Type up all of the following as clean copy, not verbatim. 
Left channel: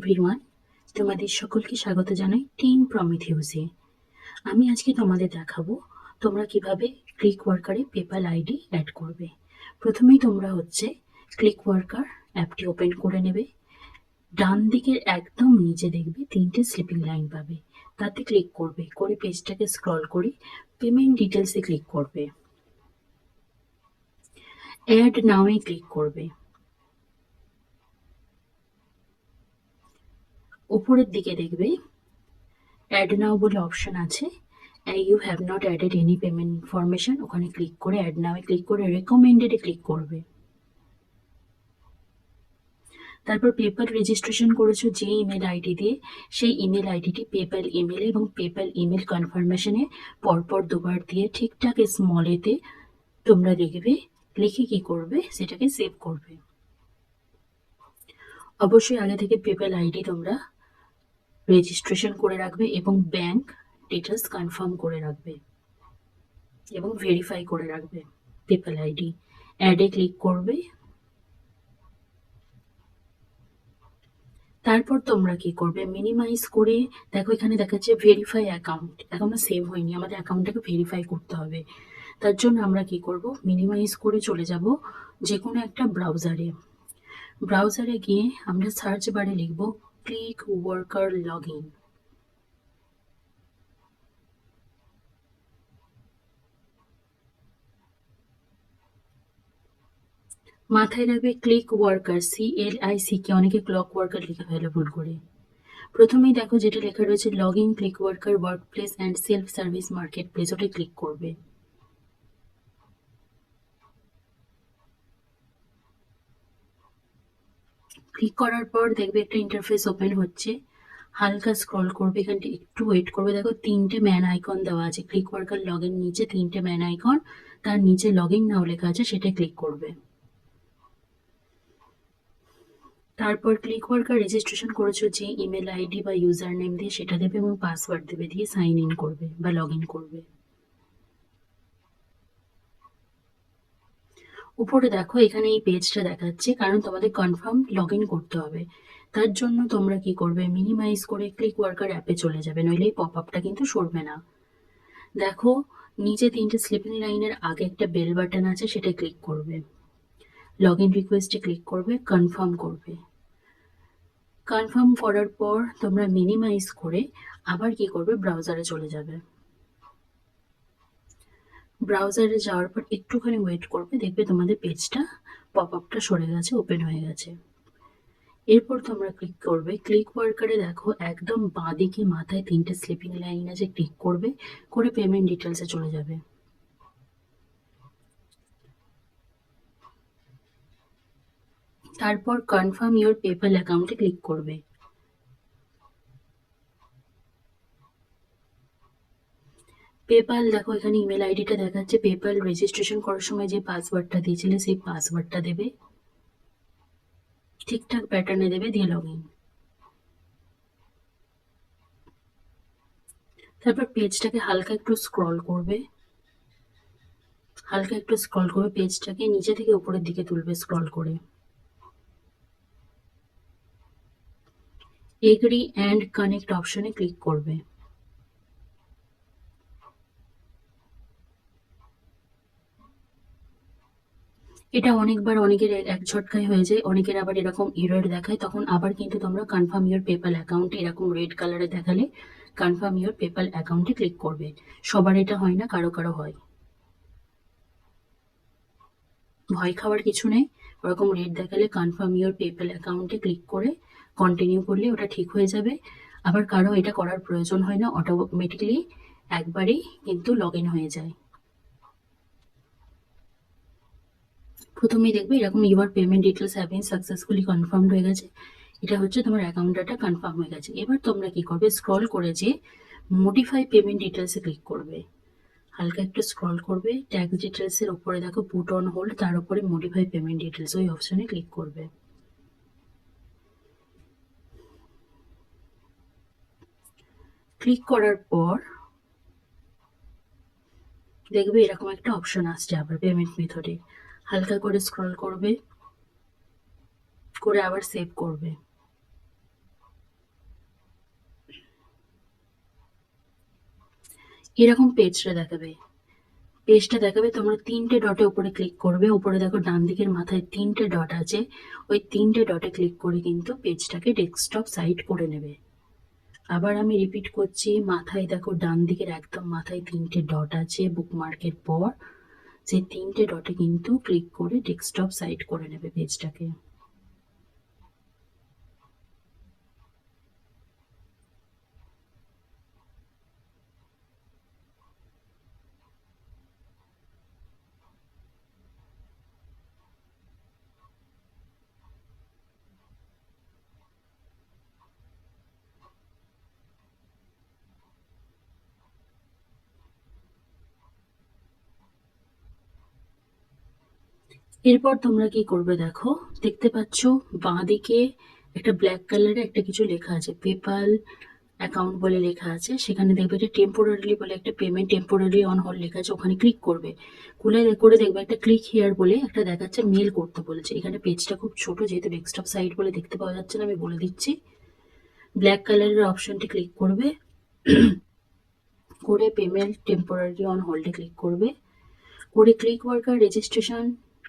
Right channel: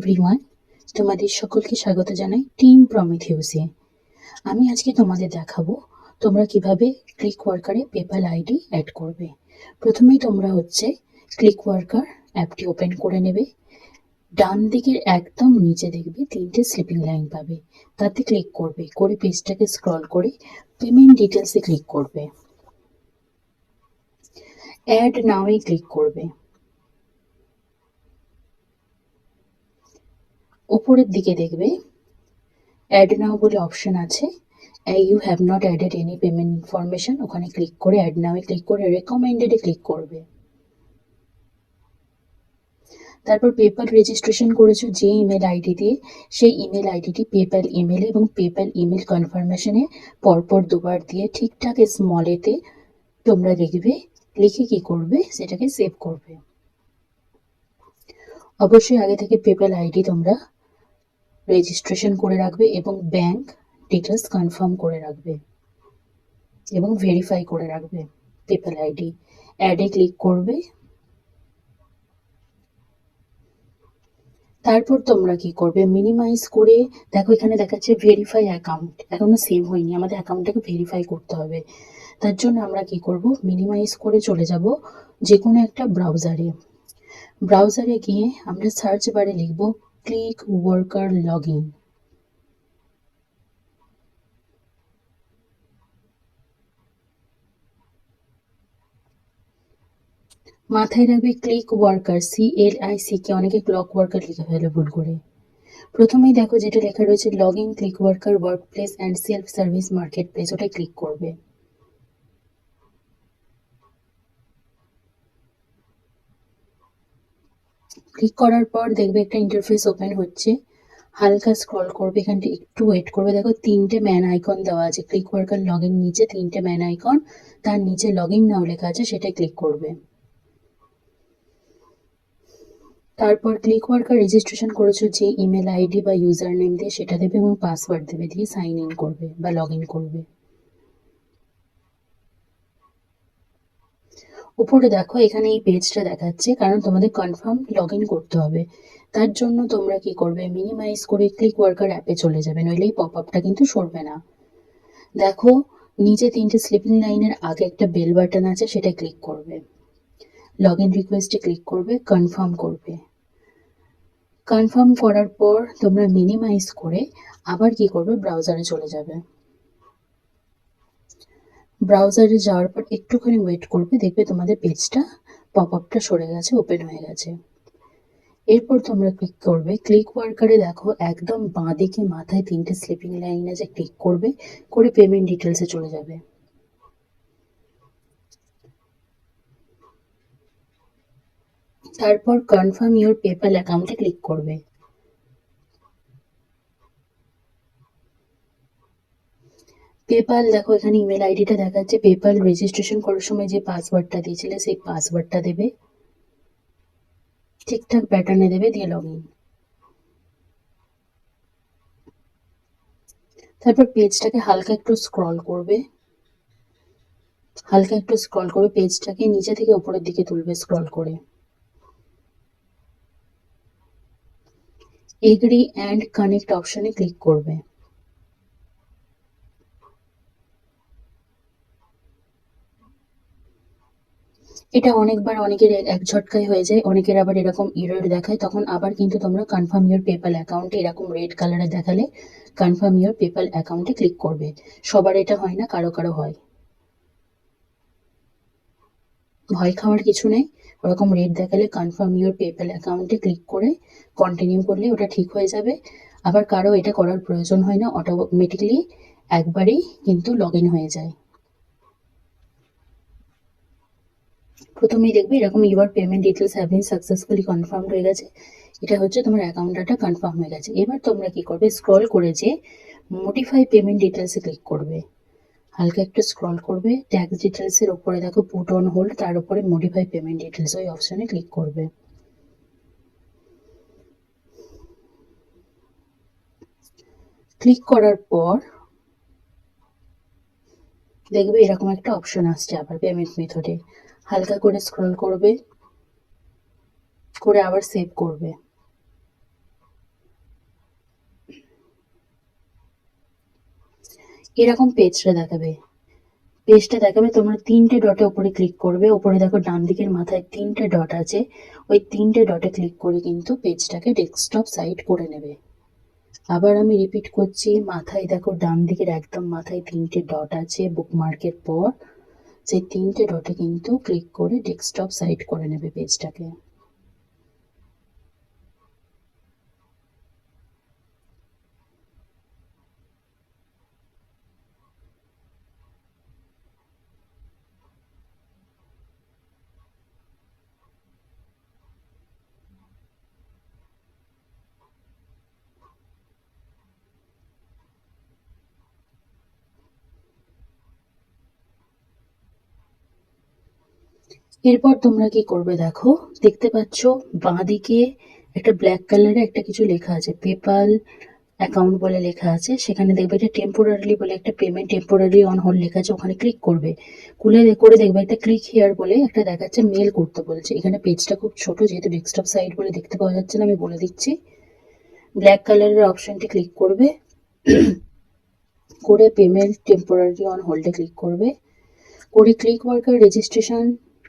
Everyone, তোমাদের সকলকে স্বাগত জানাই টিম প্রমিথিউসে। আমি আজকে তোমাদের দেখাবো তোমরা কিভাবে ক্লিক ওয়ার্কারে পেপ্যাল আইডি অ্যাড করবে। প্রথমেই তোমরা ক্লিক ওয়ার্কার অ্যাপটি ওপেন করে নেবে। ডান দিকের একদম নিচে দেখবে 3টে স্লিপিং লাইন পাবে, তাতে ক্লিক করবে, করে পেজটাকে স্ক্রল করে পেমেন্ট ডিটেলসে ক্লিক করবে। অ্যাড নাওয়ে ক্লিক করবে। ওপরের দিকে দেখবে অ্যাড নাও বলে অপশন আছে, you have not added any payment information, ওখানে ক্লিক করে অ্যাড নাওয়ে ক্লিক করে রেকমেন্ডেডে ক্লিক করবে। তারপর পেপ্যাল রেজিস্ট্রেশন করেছো যে ইমেল আইডি দিয়ে, সেই ইমেল আইডিটি পেপ্যাল ইমেল এবং পেপ্যাল ইমেল কনফার্মেশনে পরপর দুবার দিয়ে ঠিকঠাক স্মলেতে তোমরা লিখবে, লিখে কি করবে সেটাকে সেভ করবে। অবশ্যই আগে থেকে পেপ্যাল আইডি তোমরা রেজিস্ট্রেশন করে রাখবে এবং ব্যাংক ডিটেলস কনফার্ম করে রাখবে এবং ভেরিফাই করে রাখবে পেপ্যাল আইডি। অ্যাডে ক্লিক করবে। তারপর তোমরা কি করবে, মিনিমাইজ করে দেখো এখানে দেখাচ্ছে ভেরিফাই অ্যাকাউন্ট, এখনো সেভ হয়নি, আমাদের অ্যাকাউন্টটাকে ভেরিফাই করতে হবে। তার জন্য আমরা কি করব, মিনিমাইজ করে চলে যাব যে কোনো একটা ব্রাউজারে। ব্রাউজারে গিয়ে আমরা সার্চ বারে লিখব ক্লিক ওয়ার্কার লগ ইন। মাথায় রাখবে ক্লিক ওয়ার্কার, CLIC, অনেকে ক্লক ওয়ার্কার লিখে ফেলে ভুল করে। প্রথমেই দেখো যেটা লেখা রয়েছে log in click worker work place and self service market place, ওটাই ক্লিক করবে। ক্লিক করার পর দেখবে একটা ইন্টারফেস ওপেন হচ্ছে, হালকা স্ক্রল করবে, এখানটা একটু ওয়েট করবে। দেখো 3টে ম্যান আইকন দেওয়া আছে, ক্লিক ওয়ার্কার লগ ইন নিচে 3টে ম্যান আইকন, তার নিচে লগ ইন নাও লেখা আছে, সেটাই ক্লিক করবে। তারপর ক্লিক ওয়ার্কার রেজিস্ট্রেশন করেছো যে ইমেল আইডি বা ইউজার নেম দিয়ে সেটা দেবে এবং পাসওয়ার্ড দেবে, দিয়ে সাইন ইন করবে বা লগ ইন করবে। উপরে দেখো এখানে এই পেজটা দেখাচ্ছে, কারণ তোমাদের কনফার্ম লগ ইন করতে হবে। তার জন্য তোমরা কি করবে, মিনিমাইজ করে ক্লিক ওয়ার্কার অ্যাপে চলে যাবে, নইলে এই পপ আপটা কিন্তু সরবে না। দেখো নিচে 3টে স্লিপিং লাইনের আগে একটা বেল বাটন আছে, সেটা ক্লিক করবে। লগ ইন রিকোয়েস্টে ক্লিক করবে, কনফার্ম করবে। কনফার্ম করার পর তোমরা মিনিমাইজ করে আবার কি করবে, ব্রাউজারে চলে যাবে। ব্রাউজারে যাওয়ার পর একটুখানি ওয়েট করবে, দেখবে তোমাদের পেজটা পপ আপটা সরে গেছে, ওপেন হয়ে গেছে। এরপর তোমরা ক্লিক করবে ক্লিক ওয়ার্কারে, দেখো একদম বাঁ দিকে মাথায় 3টে স্লিপিং লাইন আছে, ক্লিক করবে, করে পেমেন্ট ডিটেলসে চলে যাবে। তারপর কনফার্ম ইওর পেপ্যাল অ্যাকাউন্টে ক্লিক করবে। পেপ্যাল দেখো এখানে ইমেল আইডিটা দেখাচ্ছে, পেপ্যাল রেজিস্ট্রেশন করার সময় যে পাসওয়ার্ডটা দিয়েছিলে সেই পাসওয়ার্ডটা দেবে, ঠিকঠাক প্যাটার্নে দেবে, দিয়ে লগ ইন। তারপর পেজটাকে হালকা একটু স্ক্রল করবে, পেজটাকে নিচে থেকে উপরের দিকে তুলবে স্ক্রল করে। এগ্রি অ্যান্ড কানেক্ট অপশনে ক্লিক করবে। এটা অনেকবার অনেকের এক ঝটকায় হয়ে যায়, অনেকের আবার এরকম এরর দেখায়, তখন আবার কিন্তু তোমরা কনফার্ম ইওর পেপ্যাল অ্যাকাউন্টে এরকম রেড কালারে দেখালে কনফার্ম ইওর পেপ্যাল অ্যাকাউন্টে ক্লিক করবে। সবার এটা হয় না, কারো কারো হয়, ভয় খাওয়ার কিছু নেই। ওরকম রেড দেখালে কনফার্ম ইওর পেপ্যাল অ্যাকাউন্টে ক্লিক করে কন্টিনিউ করলে ওটা ঠিক হয়ে যাবে। আবার কারো এটা করার প্রয়োজন হয় না, অটোমেটিক্যালি একবারেই কিন্তু লগ ইন হয়ে যায়। প্রথমেই দেখবে এরকম your payment details have been successfully confirmed হয়ে গেছে, এটা হচ্ছে তোমার অ্যাকাউন্ট ডাটা কনফার্ম হয়ে গেছে। এবার তোমরা কি করবে, স্ক্রল করে যে মডিফাই পেমেন্ট ডিটেলসে ক্লিক করবে, হালকা একটু স্ক্রল করবে, ট্যাক্স ডিটেলসের ওপরে দেখো পুট অন হোল্ড, তার উপরে মডিফাই পেমেন্ট ডিটেলস, ওই অপশনে ক্লিক করবে। ক্লিক করার পর দেখবে এরকম একটা অপশন আসছে আবার পেমেন্ট মেথডে, হালকা করে স্ক্রল করবে, করে আবার সেভ করবে। এরকম পেজটা দেখাবে। পেজটা দেখাবে, তোমরা 3টে ডটে উপরে ক্লিক করবে। উপরে দেখো ডান দিকের মাথায় 3টে ডট আছে, ওই 3টে ডটে ক্লিক করে কিন্তু পেজটাকে ডেস্কটপ সাইড করে নেবে। আবার আমি রিপিট করছি, মাথায় দেখো ডান দিকের একদম মাথায় 3টে ডট আছে বুকমার্কের পর, সেই 3টে ডটে কিন্তু ক্লিক করে ডেস্কটপ সাইড করে নেবে পেজটাকে। এরপর তোমরা কি করবে দেখো, দেখতে পাচ্ছ বাঁ দিকে একটা ব্ল্যাক কালারে একটা কিছু লেখা আছে, পেপাল অ্যাকাউন্ট বলে লেখা আছে। সেখানে দেখবে একটা টেম্পোরারি বলে একটা পেমেন্ট টেম্পোরারি অন হোল্ড লেখা আছে, ওখানে ক্লিক করবে। করে দেখবে একটা ক্লিক হিয়ার বলে একটা দেখাচ্ছে, মেল করতে বলেছে। এখানে পেজটা খুব ছোট, যেহেতু ডেস্কটপ সাইট বলে দেখতে পাওয়া যাচ্ছে না, আমি বলে দিচ্ছি। ব্ল্যাক কালারের অপশনটি ক্লিক করবে, করে পেমেন্ট টেম্পোরারি অন হোল্ডে ক্লিক করবে। করে ক্লিক ওয়ার্কার রেজিস্ট্রেশন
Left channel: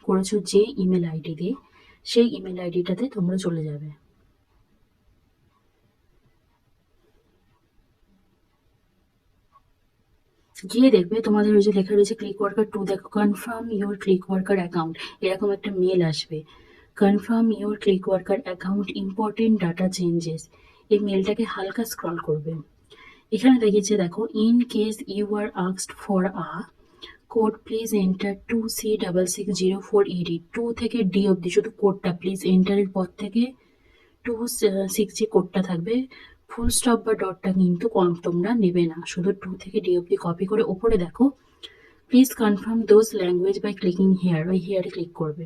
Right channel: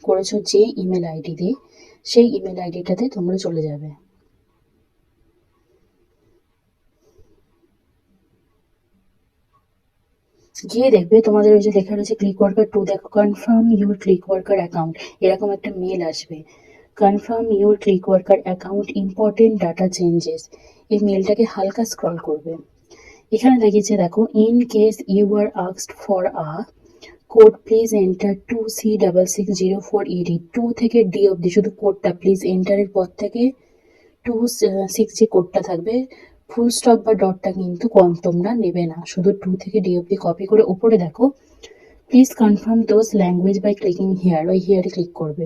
করেছো যে ইমেল আইডি দিয়ে, সেই ইমেল আইডিটাতে তোমরা চলে যাবে। গিয়ে দেখবে তোমাদের ওই যে লেখা রয়েছে ক্লিক ওয়ার্কার 2, দেখো confirm your click worker account, এরকম একটা মেল আসবে। Confirm your click worker account, important data changes, এই মেলটাকে হালকা স্ক্রল করবে। এখানে দেখিয়েছে দেখো, in case you are asked for a code please enter 2C6604ED, 2 থেকে ডি অব্দি শুধু কোডটা প্লিজ এন্টারের পর থেকে 26 যে কোডটা থাকবে, ফুল স্টপ বা ডটটা কিন্তু তোমরা নেবে না, শুধু 2 থেকে ডি অব্দি কপি করে উপরে দেখো please confirm those language by clicking here, ওই হিয়ারে ক্লিক করবে।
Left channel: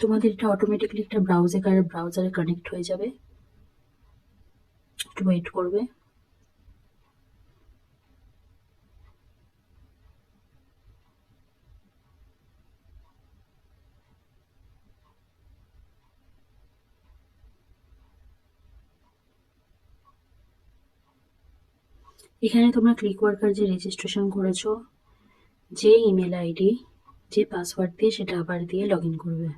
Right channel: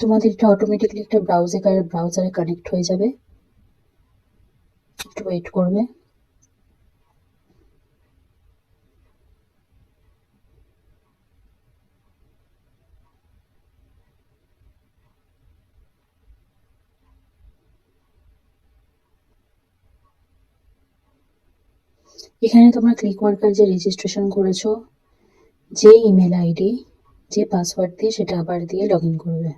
তোমাদের এটা অটোমেটিক্যালি একটা ব্রাউজারে কানেক্ট হয়ে যাবে, একটু ওয়েট করবে। এখানে তোমরা ক্লিক ওয়ার্কার যে রেজিস্ট্রেশন করেছো, যে ইমেল আইডি যে পাসওয়ার্ড দিয়ে, সেটা আবার দিয়ে লগ ইন করবে।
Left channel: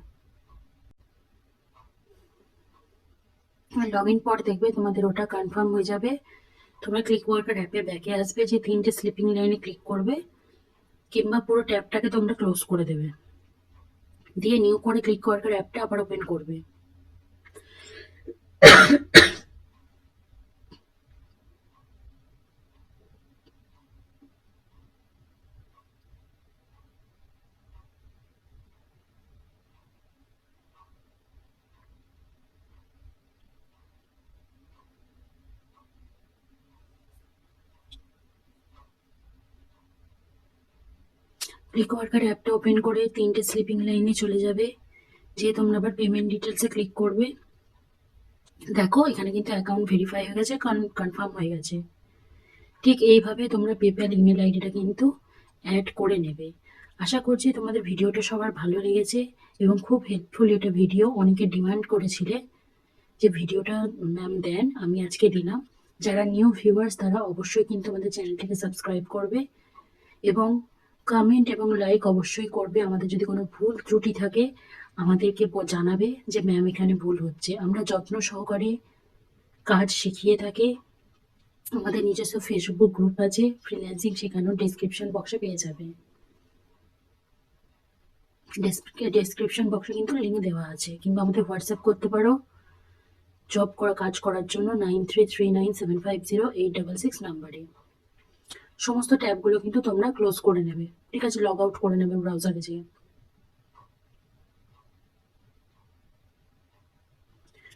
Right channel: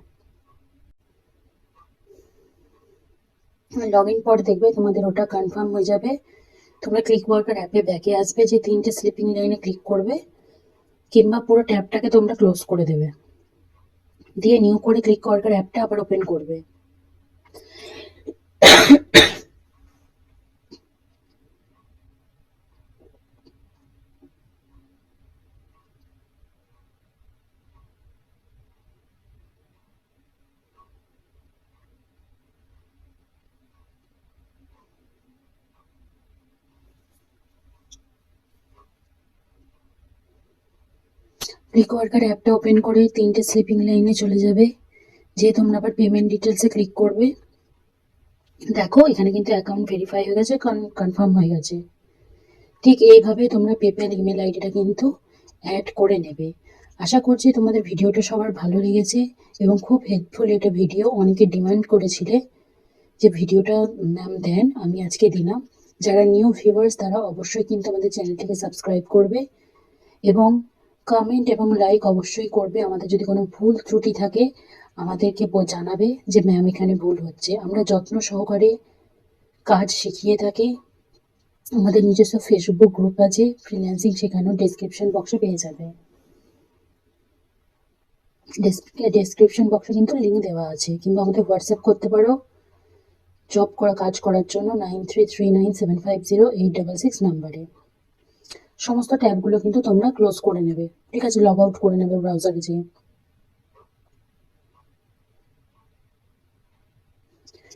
লগ ইন পর দেখবে তোমাদের ওটা কনফার্ম হয়ে যাবে। তোমরা ক্লিক ওয়ার্কার অ্যাপে ব্যাকে আসবে, যে 3টে স্লিপিং লাইনে ক্লিক করবে, কিংবা পুরো ট্যাবটাকে তোমরা ক্লোজ করে দেবে, দিয়ে নিউ করে ক্লিক ওয়ার্কার অ্যাপটা আবার ওপেন করবে। ক্লিক ওয়ার্কার অ্যাপটা ওপেন করে 3টে স্লিপিং লাইনে চলে যাবে, যে তোমরা আবার পেমেন্ট ডিটেলসে ক্লিক করবে। দেখো এখানে কিন্তু অ্যাকাউন্ট ভেরিফাই হয়ে গেছে, কনফার্ম হয়ে গেছে। ঠিক এইভাবে তোমরা পেপ্যাল ইমেল আইডিটা কিন্তু অ্যাড করে নেবে। আশা করছি তোমাদের ভিডিওটা সবার ভালো লেগেছে এবং খুব হেল্পফুল এটা ভিডিও। অনেকে ডিমান্ড করেছিলে যে ভিডিওটা ম্যাম দেন, আমি আজকে দিলাম। যারা নিউ ভিউয়ার্স তারা অবশ্যই কিন্তু আমাদের চ্যানেলটিকে সাবস্ক্রাইব করবে এবং কমেন্ট এবং লাইক অবশ্যই করবে। আমাদের যদি কোনো ভুল ত্রুটি থাকে আমাদেরকে জানাবে যে ম্যাম এখানে ভুল হচ্ছে। আমরা যত্ন সহকারে কাজ শিখিয়ে থাকি। আমাদের নিজস্ব ফেসবুক গ্রুপ আছে ফ্রিল্যান্সিং শেখানো, ডেসক্রিপশন বক্সে পেয়ে যাবে। ডেসক্রিপশন বক্সে কিন্তু লিঙ্ক দেওয়া আছে, কিংবা আমাদের হোয়াটসঅ্যাপ করতে পারো কাজ করার জন্য 9339750866 নাম্বারে। সমস্ত ট্যাবগুলো কিন্তু তোমরা ক্লোজ করে নেবে, ঠিক আছে, লগ আউট করে নেবে ব্রাউজারে যেয়ে।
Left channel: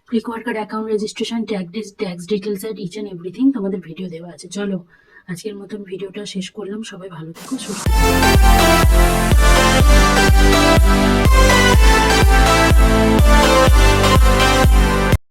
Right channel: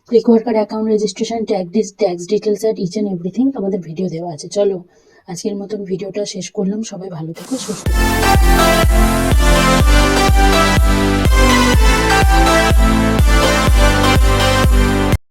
Click worker account registration, tax details আর ইচ অ্যান্ড এভরিথিং তোমাদের ভিডিও দেওয়া আছে। চলো আজকের মতন ভিডিওটা শেষ করলাম। সবাই ভালো থেকো, সুস্থ থেকো।